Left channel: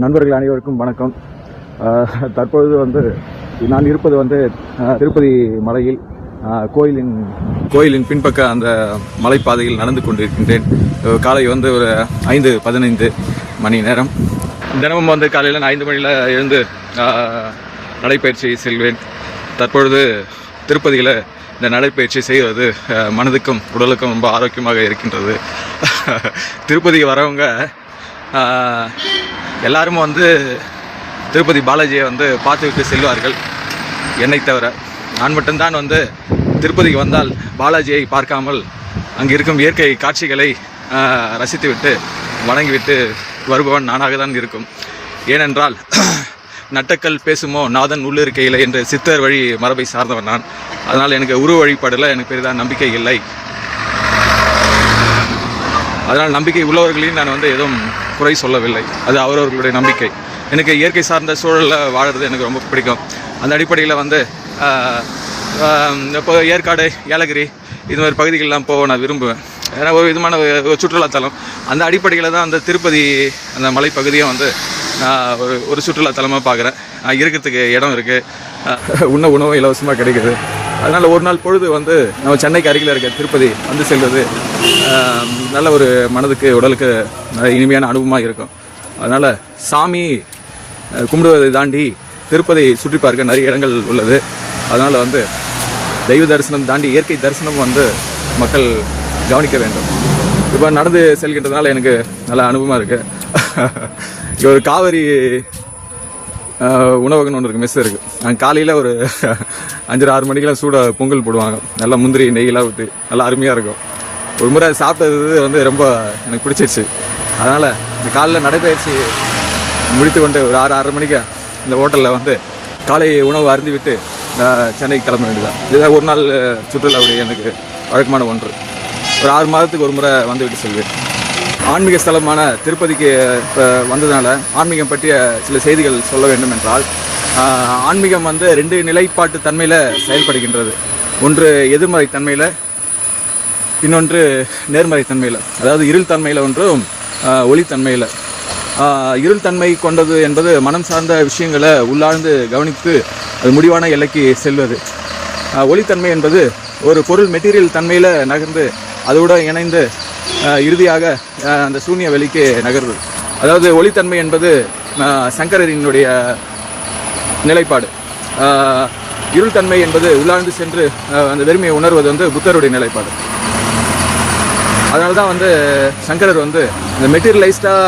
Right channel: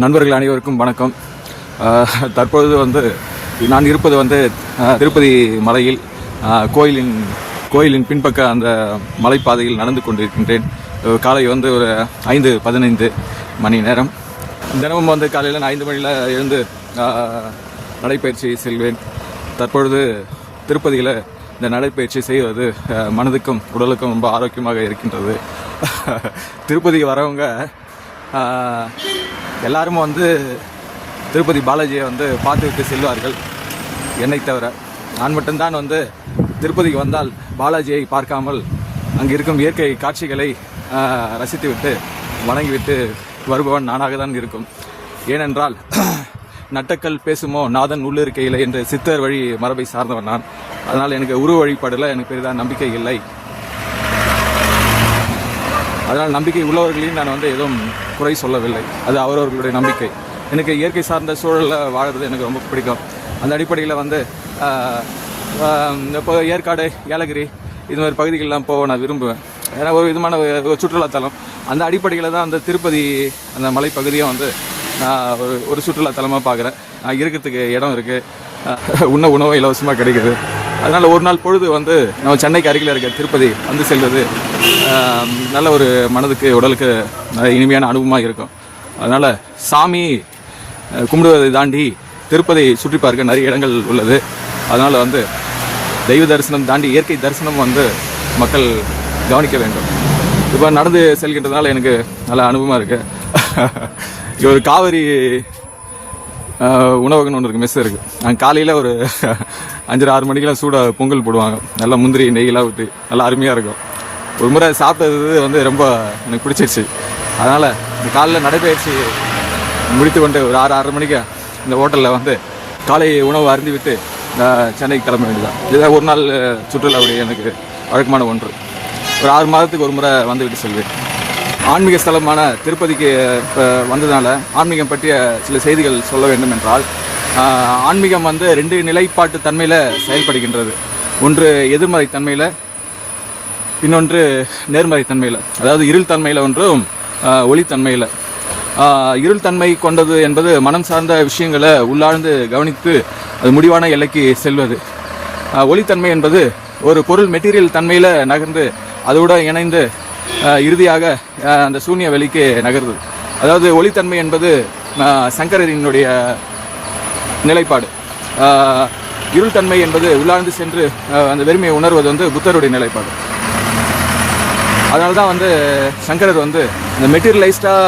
நண்பர்கள் அனைவருக்கும் வணக்கம். தற்பொழுது வந்து நான் இருப்பது வந்து திருப்பதி மலையில் கோயிலின் கோயிலின் பின்பக்க அந்த மலைப்பாதையில் நடந்து கொண்டிருக்கின்றேன். காலை வந்து ஒரு ஐந்து பதினைந்து மணி நேரம். தினமும் வந்து காலையில் நான் ஐந்து மணியில் எழுந்து நடைப்பயிற்சி செல்வேன். தற்பொழுது திருப்பதியில் இந்த நடைப்பயிற்சி செய்வது மனதுக்கும் உடலுக்கும் ரொம்ப ஆரோக்கியமாக இருக்கின்றது. திருப்பதிக்கு வரவங்க எல்லாரும் வந்து திருப்பதி பாலாஜியை வந்து பார்த்துவிட்டு செல்வார்கள். என்னை தவிர நான் மட்டும்தான் வந்து திருப்பதிக்கு வந்தால் பாலாஜியை பார்க்காமல் அங்கே இருக்கும் இயற்கை காட்சிகளை ரசித்துவிட்டு வணங்கிவிட்டு வருபவன் நானாக தான் இருக்கும். ஏனென்றால் நட்டக்கல் பேசுமோ நாதன் உள்ளிருக்கையில் என்று சித்தர் வழி மரபை சார்ந்தவன் நான். அதனால் எனக்கு உருவ வழிபாடில் எனக்கு பெரிதாக நம்பிக்கை இல்லை. அதனால் நம்பிக்கை உள்ளவர்களையும் நான் வந்து எதுவும் குறை சொல்லவில்லை. அது அவரவர்களுடைய நம்பிக்கை. எனக்கு இயற்கை சார்ந்த சூழலில் வாழுறது எனக்கு ரொம்ப பிடிக்கும். அந்த அடிப்படையில் வந்து இப்போ ஏற்காடு ஏலகிரி இது மாதிரி பகுதிகளெலாம் போக நான் விரும்புவேன். ஏன்னா ஒரு விதமான ஒரு சுற்றுலாத்தலம் அந்த அடிப்படையில் தான் அந்த திருப்பதி அந்த மலைப்பகுதியும் வந்து நான் ஒரு ஒரு சுற்றுலாத்தலமாக பார்க்குறேன். இருக்கிறதுக்கு இடம் இருக்குது உண்ண உணவும் இலவசமாக கிடைக்குது. அதனால் ஒரு நாள் பொழுது வந்து நம்ம சென்னைக்கு அருகில் இருக்க திருப்பதி வந்து செல்வது நல்ல ஒரு மனதுக்கு உடலுக்கு நல்ல இனிமையான அனுபவமாக இருக்கும். அதனால் சாமி கும்பிடுவதை தாண்டி திருப்பதி சுற்றி பார்க்க நிறைய இடங்கள் உள்ளது. அதனால் வந்து தெய்வ தரிசனம் தாண்டி இயற்கை தரிசனம் வந்து மக்கள் கவனிக்க வேண்டும். இப்போ நடந்து செல்கின்றதால எனக்கு நல்ல அனுபவமாக இருக்குது ஒரு காவிரி உணவகம்னு ஒன்று இருக்குது மெஸ் இருக்குது அங்கே காலையில் ஒரு அஞ்சரை ஆறு மணிக்கெல்லாம் சூட பொங்கல் போடுவாங்க. நல்லா முந்திரி நெய்யெல்லாம் ஊற்றி நல்லா அருமையாக இருக்கும். ஒரு முறை சாப்பிட்டது வந்து ரொம்ப எனக்கு பிடிச்சிருச்சு. அதனால் இந்த காலையில் நடைபயிற்சி முடித்து கொண்டு ஒரு ஆறு ஆறு மணிக்கு இந்த ஹோட்டலில் வந்து காலை உணவு அருந்தி விட்டு சென்னைக்கு கிளம்ப வேண்டியதான் இதுதான் ஒரு நாள் சுற்றுலா எனக்கு வழக்கமான ஒன்று. ஒரு ஆறு மாதத்துக்கு ஒரு முறை வந்துவிட்டு செல்வேன். ஆன்மீக ஸ்தலமான திருப்பதிக்கு இப்போ வந்ததுனால ஆன்மீகம் பற்றிய சில செய்திகள் சொல்ல வேண்டும் என்றால் ஆன்மீகம் வந்து ரெண்டு நிலைப்பாட்டு தன்மையில் செயல்படுகின்றது. ஒன்று எதிர்மறை தன்மையில் இன்னொன்று நேர்மறை தன்மையில். அதாவது இருள் தன்மையில் ஒன்றும் ஒளித்தன்மையில் இருள் தன்மை கொண்டது என்பது மனம் சார்ந்த விஷயங்களை உள்ளாழ்ந்து கவனித்து அது முடிவான எல்லைக்கு செல்வது. ஒளித்தன்மை என்பது ஒரு பொருள் மெட்டீரியல் தன்மையில் நகர்ந்து அதோடு இணைந்து இறுதியாக அந்த சூன்ய வெளிக்கு நகருது அதாவது ஒளித்தன்மை என்பது சங்கரரினுடைய நிலைப்பாடு. இருள்தன்மை என்பது உள்ளாழ்ந்து சென்று அந்த வெறுமையை உணர்வது வந்து புத்தருடைய நிலைப்பாடு. அதனால தான் வந்து சங்கரர் வந்து இந்த மெட்டீரியலைஸ்டாக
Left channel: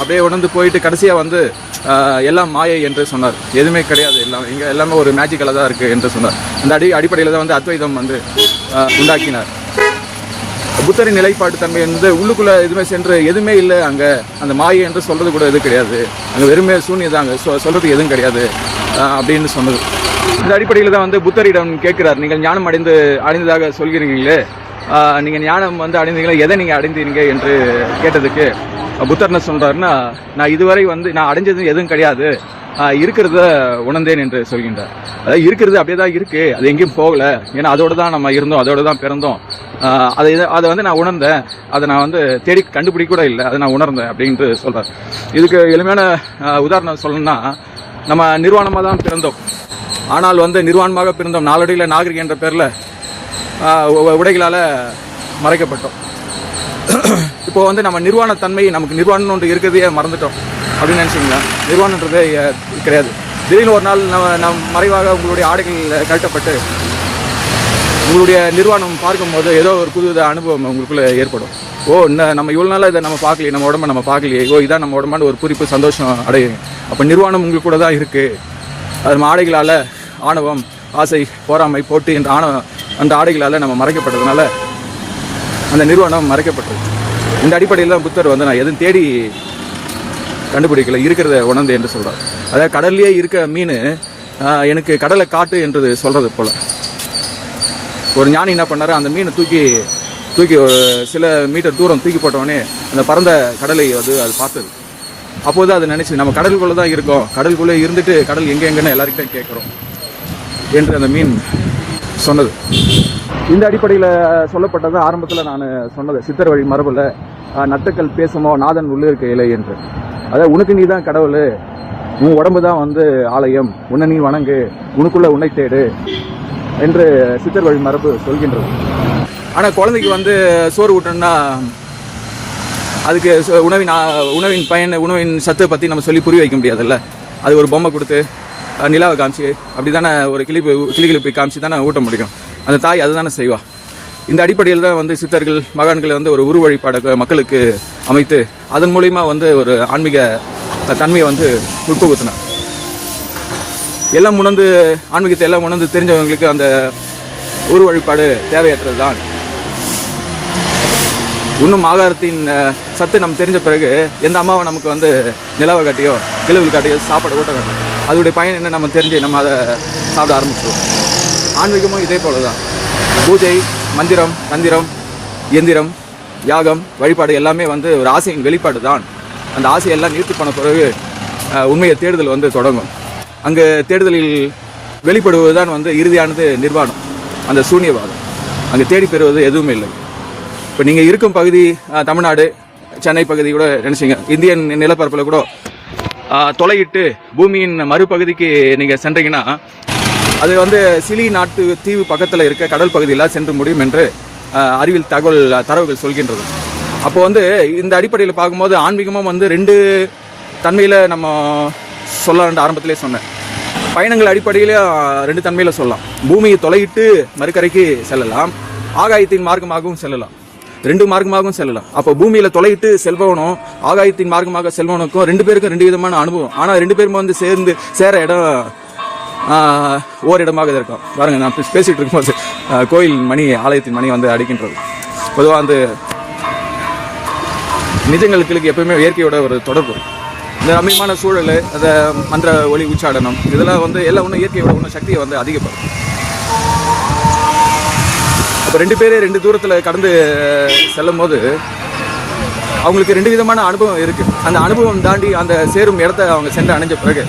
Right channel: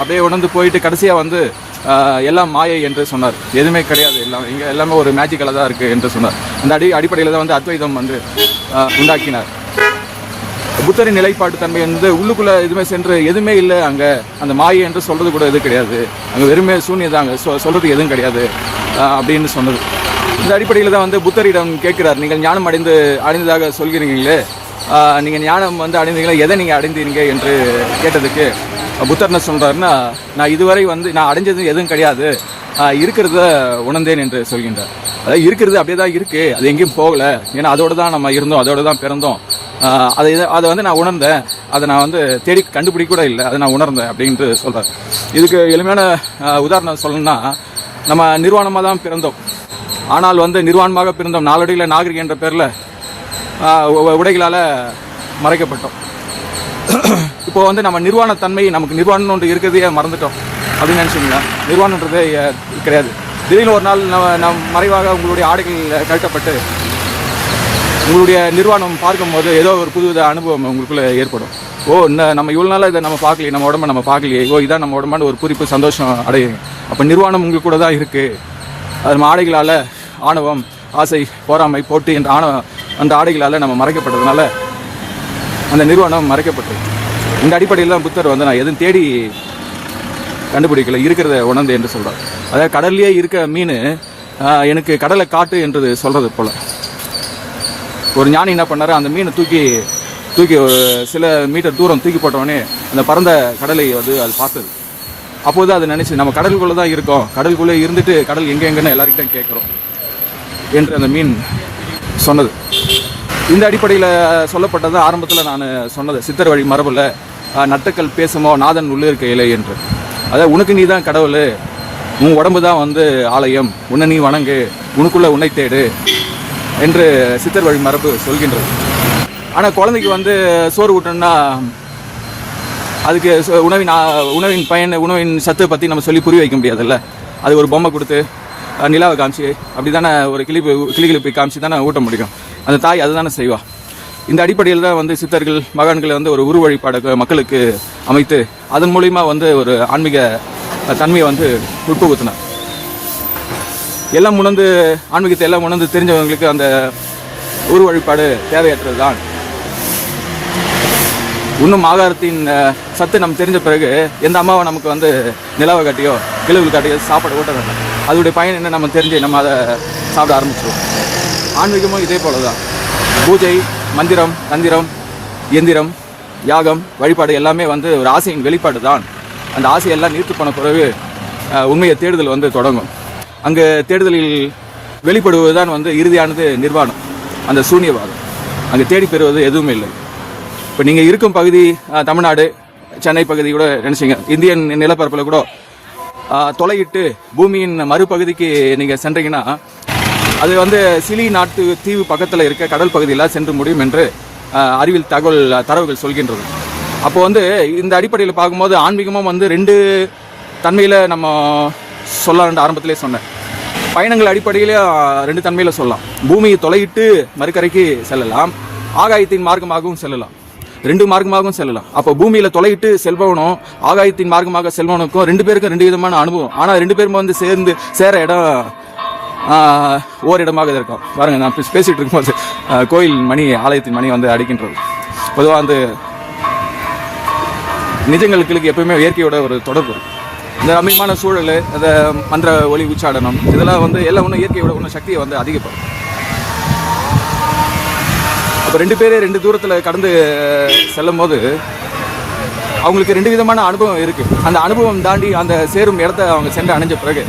அப்படியே உணர்ந்து போயிட்டு கடைசியாக வந்து எல்லாம் மாயை என்று சொன்னார். எதுவுமே கிடையாது. எல்லாம் இங்கே எல்லாமே ஒரு மேஜிக்கலாக தான் இருக்குது என்று சொன்னார். அந்த அடி அடிப்படையில் தான் வந்து அத்வைதம் வந்து உண்டாக்கினார். புத்தரின் நிலைப்பாட்டு தன்மை என்பது உள்ளுக்குள்ள எதுவுமே சென்று எதுவுமே இல்லை அங்கே. அந்த மாயை என்று சொல்றது கூட எதுவும் கிடையாது. அங்கே வெறுமே சூன்யம் தான் அங்கே சொ சொல்கிறதுக்கு எதுவும் கிடையாது. அப்படின்னு சொன்னது. இந்த அடிப்படையில் தான் வந்து புத்தரிடம் கேட்கிறார். நீங்கள் ஞானம் அடைந்து அடைந்ததாக சொல்கிறீங்களே. நீங்கள் ஞானம் வந்து அடைந்தீங்களா எதை நீங்கள் அடைந்தீங்க என்று கேட்டதுக்கு புத்தர் என்ன சொல்கிறாருன்னா நான் இதுவரை வந்து நான் அடைஞ்சது எதுவும் கிடையாது. இருக்கிறத உணர்ந்தேன் என்று சொல்கின்றார். அதாவது இருக்கிறது அப்படியே தான் இருக்குது அது எங்கேயும் போகலை. ஏன்னா அதோட தான் நம்ம இருந்தோம். அதோடு தான் பிறந்தோம். அதை இதை- அதை வந்து நான் உணர்ந்தேன். அதை நான் வந்து தேடி கண்டுபிடிக்க கூட இல்லை. அதை நான் உணர்ந்தேன் அப்படின்ட்டு சொல்கிறேன் இதுக்கு எளிமையான உதாரணம் சொல்லணும்னா நம்ம நிர்வாணமாக தான் பிறந்தோம். ஆனால் வந்து நிர்வாணமாக பிறந்தோம். நாளடியில் நாகரிகம் என்ற பேரில் உடைகளால் மறைக்கப்பட்டோம். இப்போ வந்து நம்ம நிர்வாண தன்மை நமக்கு நிர்வாணம் ஒன்று இருக்கிறதே மறந்துட்டோம். அப்படின்னு நினச்சிங்களா? நிர்வாணன்றதே கிடையாது. திடீர்னு ஒரு நாள் நம்ம நம் மறைவாக உங்களுடைய ஆடைகள் கழட்டப்பட்டு உங்களுடைய நிர்வாணம் பார்க்கும்போது ஏதோ ஒரு புது அனுபவம் உங்களுக்குள்ளே ஏற்படும். ஓ இந்த நம்ம இவ்வளோ நாளாக இதை நம்ம பார்க்கலையே நம்ம உடம்ப நம்ம பார்க்கலையே. ஓ இதான் நம்ம உடம்பான ஒரு குறிப்பு சந்தோஷம் அடையுங்க அப்போ நிர்வாணம் உங்களுக்கு கூட தான் இருக்குது அது நம்ம ஆடைகளால் ஆணவம் ஆசை போராமை போட்டு என்ற ஆணவ அந்த ஆடைகளால் நம்ம மறைக்கப்பட்டதுனால அந்த நிர்வாணம் மறைக்கப்பட்டது. இந்த அடிப்படையில் தான் புத்தர் வந்து நான் எதுவும் தேடி கண்டுபிடிக்கல இருக்கிறத உணர்ந்து என்று சொல்கிறார் அதாவது கடல்லையே இருக்க மீன் எனக்கு கடலை காட்டு என்று சொல்கிறது போல். ஒரு ஞானி என்ன பண்ணாரு? அந்த மீனை தூக்கி தூக்கி ஒரு சில மீட்டர் தூரம் தூக்கி போட்டவொடனே அந்த பறந்த கடலை வந்து அது பார்த்தது. அப்போது அது நினச்சி நம்ம கடலுக்குள்ளே தான் இருக்கோம். கடலுக்குள்ளே இருந்துட்டு கடல் எங்கே எங்கன்னு எல்லாருக்கிட்டையும் கேட்குறோம் என்று அந்த மீன் சொன்னது. இந்த அடிப்படையில் சொல்லப்பட்டது ஆரம்பத்தில் நான் சொன்னது. சித்தர் வழி மரபில் நட்டக்கல் பேசுமோ நாதன் உள்ளிருக்கையிலே என்று. அதாவது உனக்கு நீ தான் கடவுள். உன் உடம்பு தான் வந்து ஆலயம். உன்னை நீ வணங்கு. உனக்குள்ளே உன்னை தேடு. என்று சித்தர் வழி மரபு சொல்கின்றது. ஆனால் குழந்தைக்கு வந்து சோறு ஊட்டணும்னா அதுக்கு உணவின் உணவின் பயன் உணவின் சத்தை பற்றி நம்ம சொல்லி புரிய வைக்க முடியாதுல்ல. அது ஒரு பொம்மை கொடுத்து நிலாவை காமிச்சு அப்படி தானே ஒரு கிளிப்பு கிளிகிழிப்பை காமிச்சு தானே ஊட்ட முடியும். அந்த தாய் அதுதானே செய்வா. இந்த அடிப்படையில் தான் வந்து சித்தர்கள் மகான்களை வந்து ஒரு உரு வழிபாடு மக்களுக்கு அமைத்து அதன் மூலயமா வந்து ஒரு ஆன்மீக தன்மையை வந்து உட்புகுத்தினார். எல்லாம் உணர்ந்து ஆன்மீகத்தை எல்லாம் உணர்ந்து தெரிஞ்சவங்களுக்கு அந்த உரு வழிபாடு தேவையற்றது தான் இன்னும் ஆதாரத்தின் சத்து நம்ம தெரிஞ்ச பிறகு எந்த அம்மாவை நமக்கு வந்து நிலவை காட்டியோ கிழவு காட்டியோ சாப்பாடு ஊட்ட வேண்டாம். அதோடைய பயன் என்ன நம்ம தெரிஞ்சு நம்ம அதை சாப்பிட ஆரம்பிச்சிடுவோம் ஆன்மீகமும் இதே போல தான் பூஜை மந்திரம் தந்திரம் இயந்திரம் யாகம் வழிபாடு எல்லாமே வந்து ஒரு ஆசையின் வெளிப்பாடு தான் அந்த ஆசையெல்லாம் நீர்த்து போன பிறகு உண்மையை தேடுதல் வந்து தொடங்கும். அங்கே தேடுதலில் வெளிப்படுவது தான் வந்து இறுதியானது நிர்வாணம். அந்த சூன்யவாதம். அங்கே தேடி பெறுவது எதுவுமே இல்லை. இப்போ நீங்கள் இருக்கும் பகுதி தமிழ்நாடு சென்னை பகுதி கூட நினச்சிங்க இந்தியன் நிலப்பரப்பில் கூட தொலையிட்டு பூமியின் மறுபகுதிக்கு நீங்கள் சென்றீங்கன்னா அது வந்து சிலி நாட்டு தீவு பக்கத்தில் இருக்க கடல் பகுதியில் சென்று முடியும் என்று அறிவியல் தகவல் தரவுகள் சொல்கின்றது. அப்போ வந்து இந்த அடிப்படையில் பார்க்கும்போது ஆன்மீகமும் வந்து ரெண்டு தன்மையில் நம்ம சொல்லலாம்னு ஆரம்பத்திலே சொன்னேன். பயணங்கள் அடிப்படையில் ரெண்டு தன்மையில் சொல்லலாம். பூமியை தொலையிட்டு மறுக்கரைக்கு செல்லலாம். ஆகாயத்தின் மார்க்கமாகவும் செல்லலாம். ரெண்டு மார்க்கமாகவும் செல்லலாம். அப்போ பூமியில் தொலையிட்டு செல்பவனும் ஆகாயத்தின் மார்க்கமாக செல்பவனுக்கும் ரெண்டு பேருக்கும் ரெண்டு விதமான அனுபவம். ஆனால் ரெண்டு பேரும் வந்து சேர்ந்து சேர இடம் ஓரிடமாக இருக்கும். பாருங்க நான் பேசிகிட்டு இருக்கும்போது கோயில் மணி ஆலயத்தின் மணி வந்து அடிக்கின்றது. பொதுவாக வந்து நிஜங்களுக்கு எப்பவுமே இயற்கையோட ஒரு தொடர்பு. இந்த ரம்மியமான சூழல் அந்த மந்திர ஒளி உச்சாடனம் இதெல்லாம் வந்து எல்லாம் ஒன்றும் இயற்கையோட ஒன்றும் சக்தியை வந்து அதிகப்படும் அப்போ ரெண்டு பேரே ரெண்டு தூரத்தில் கடந்து செல்லும் போது அவங்களுக்கு ரெண்டு விதமான அனுபவம் இருக்குது அந்த அனுபவம் தாண்டி அந்த சேரும் இடத்த அவங்க சென்று அணைஞ்ச பிறகு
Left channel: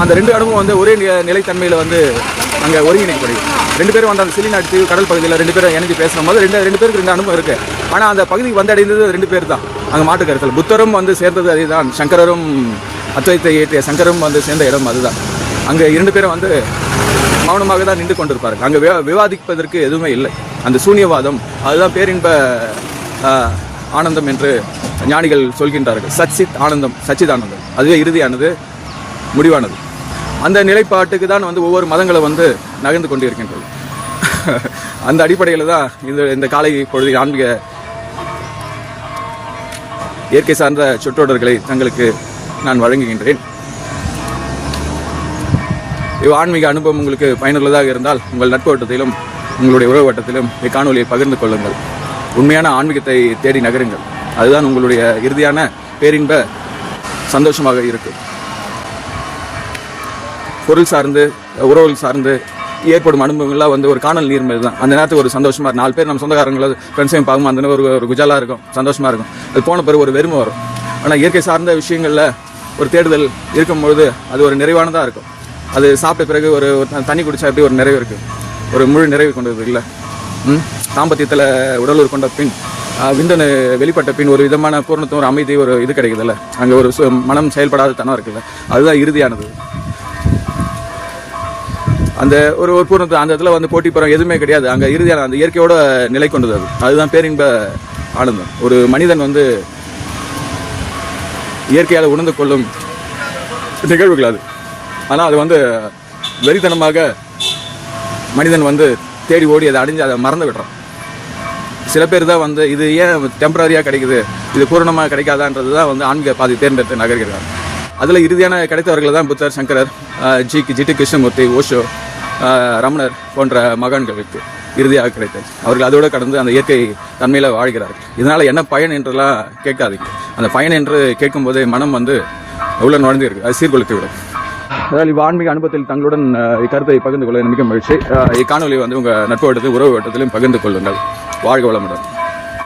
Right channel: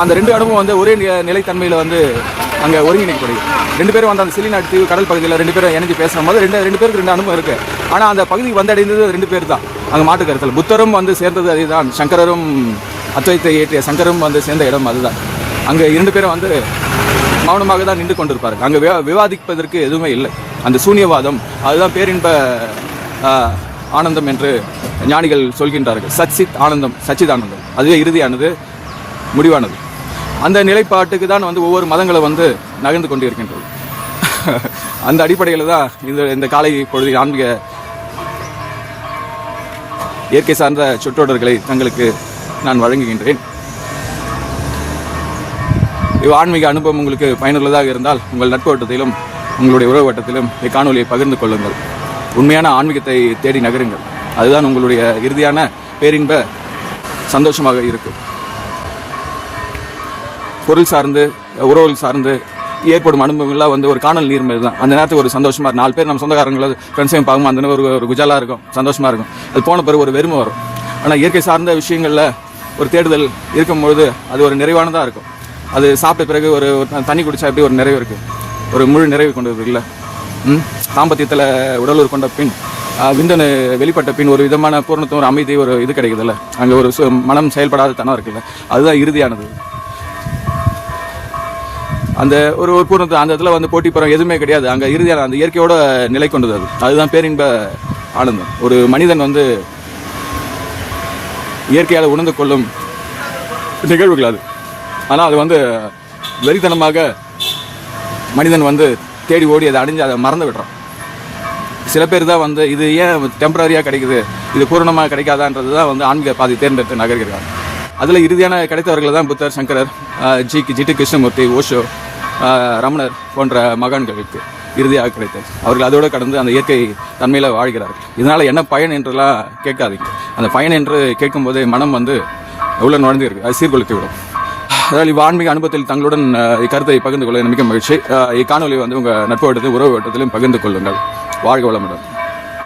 அந்த ரெண்டு அனுபவம் வந்து ஒரே நிலைத்தன்மையில் வந்து அங்கே ஒருங்கிணைக்கப்படுது ரெண்டு பேரும் வந்து அந்த சிலிநாட்டு தீவு கடல் பகுதியில் ரெண்டு பேரும் இணைஞ்சு பேசும்போது ரெண்டு ரெண்டு பேருக்கு ரெண்டு அனுபவம் இருக்குது ஆனால் அந்த பகுதி வந்தடைந்தது ரெண்டு பேர் தான். அங்கே மாட்டு கருத்தல். புத்தரும் வந்து சேர்ந்தது அதுதான். சங்கரரும் அத்வைத்தை இயற்றிய சங்கரும் வந்து சேர்ந்த இடம் அதுதான். அங்கே இரண்டு பேரும் வந்து மௌனமாக தான் நின்று கொண்டிருப்பார்கள். அங்கே விவாதிப்பதற்கு எதுவுமே இல்லை. அந்த சூன்யவாதம் அதுதான் பேரின்ப ஆனந்தம் என்று ஞானிகள் சொல்கின்றார்கள். சச்சித் ஆனந்தம் சச்சித் ஆனந்தம் அதுவே இறுதியானது முடிவானது. அந்த நிலைப்பாட்டுக்கு தான் வந்து ஒவ்வொரு மதங்களும் வந்து நகர்ந்து கொண்டிருக்கின்றது. அந்த அடிப்படையில் தான் இந்த இந்த காலை பொழுது ஆன்மீக இயற்கை சார்ந்த சொற்றொடர்களை தங்களுக்கு நான் வழங்குகின்றேன். இவ் ஆன்மீக அனுபவம் உங்களுக்கு பயனுள்ளதாக இருந்தால் உங்கள் நட்பு வட்டத்திலும் உங்களுடைய உறவு வட்டத்திலும் இக்காணொலியை பகிர்ந்து கொள்ளுங்கள். உண்மையான ஆன்மீகத்தை தேடி நகருங்கள். அதுதான் உங்களுடைய இறுதியான பேரின்ப சந்தோஷமாக இருக்கும். பொருள் சார்ந்து உறவுகள் சார்ந்து ஏற்படும் அனுபவங்கள்லாம் வந்து ஒரு காணல் நீர் மாதிரி தான். அந்த நேரத்துக்கு ஒரு சந்தோஷமாக இருக்கும். நாலு பேர் நம்ம சொந்தக்காரங்கள ஃப்ரெண்ட்ஸையும் பார்க்கும் அந்த ஒரு ஒரு குஜாலாக இருக்கும் சந்தோஷமாக இருக்கும். அது போன பிறகு ஒரு வெறுமை வரும். ஆனால் இயற்கை சார்ந்த விஷயங்களில் ஒரு தேடுதல் இருக்கும்பொழுது அது ஒரு நிறைவானதாக இருக்கும். அது சாப்பிட்ட பிறகு ஒரு தண்ணி குடிச்சா எப்படி ஒரு நிறைவு இருக்குது ஒரு முழு நிறைவு கொண்டது இல்லை? தாம்பத்தியத்தில் உடலூர் கொண்ட பின் விந்தனு வெளிப்பட்ட பின் ஒரு விதமான பூர்ணத்துவம் ஒரு அமைதி ஒரு இது கிடைக்குதுல்ல அங்கே ஒரு மனம் செயல்படாத தனம் இருக்குல்ல? அதுதான் இறுதியானது. அந்த ஒரு ஒரு பூர்ணத்து அந்த இடத்துல வந்து போட்டி போகிற எதுவுமே கிடையாது. அங்கே இறுதியான அந்த இயற்கையோட நிலை கொண்டது அது. அதுதான் பேரின்ப ஆனந்தம். ஒரு மனிதன் வந்து இயற்கையால் உணர்ந்து கொள்ளும் நிகழ்வுகள் அது. ஆனால் அது வந்து வெறித்தனமாக மனிதன் வந்து தேடி ஓடி அதை அடைஞ்சு அதை மறந்து விடுறான். சில பேர் தான் வந்து இது ஏன் டெம்பரரியாக கிடைக்குது? இது பூரணமாக கிடைக்காதான்றது தான் வந்து ஆன்மீக பாதி தேர்ந்தெடுத்து நகர்கிறார் அதில் இறுதியான கிடைத்தவர்கள் தான் புத்தர் சங்கரர் ஜி ஜிடி கிருஷ்ணமூர்த்தி ஓஷோ ரமணர் போன்ற மகான்களுக்கு இறுதியாக கிடைத்தது. அவர்கள் அதோடு கடந்து அந்த இயற்கை தன்மையில் வாழ்கிறார். இதனால் என்ன பயன் என்றெல்லாம் கேட்காதீங்க. அந்த பயன் என்று கேட்கும்போது மனம் வந்து உள்ள நுழைந்து இருக்கு அது சீர்குலைத்து விடும். அதாவது இவ் அனுபவத்தில் தங்களுடன் இக்கருத்தை பகிர்ந்து கொள்ள மிக மகிழ்ச்சி. இக்காணொலி வந்து உங்கள் நட்பு வட்டத்தில் உறவு வட்டத்திலும் பகிர்ந்து கொள்ளுங்கள். வாழ்க வளமுடன்.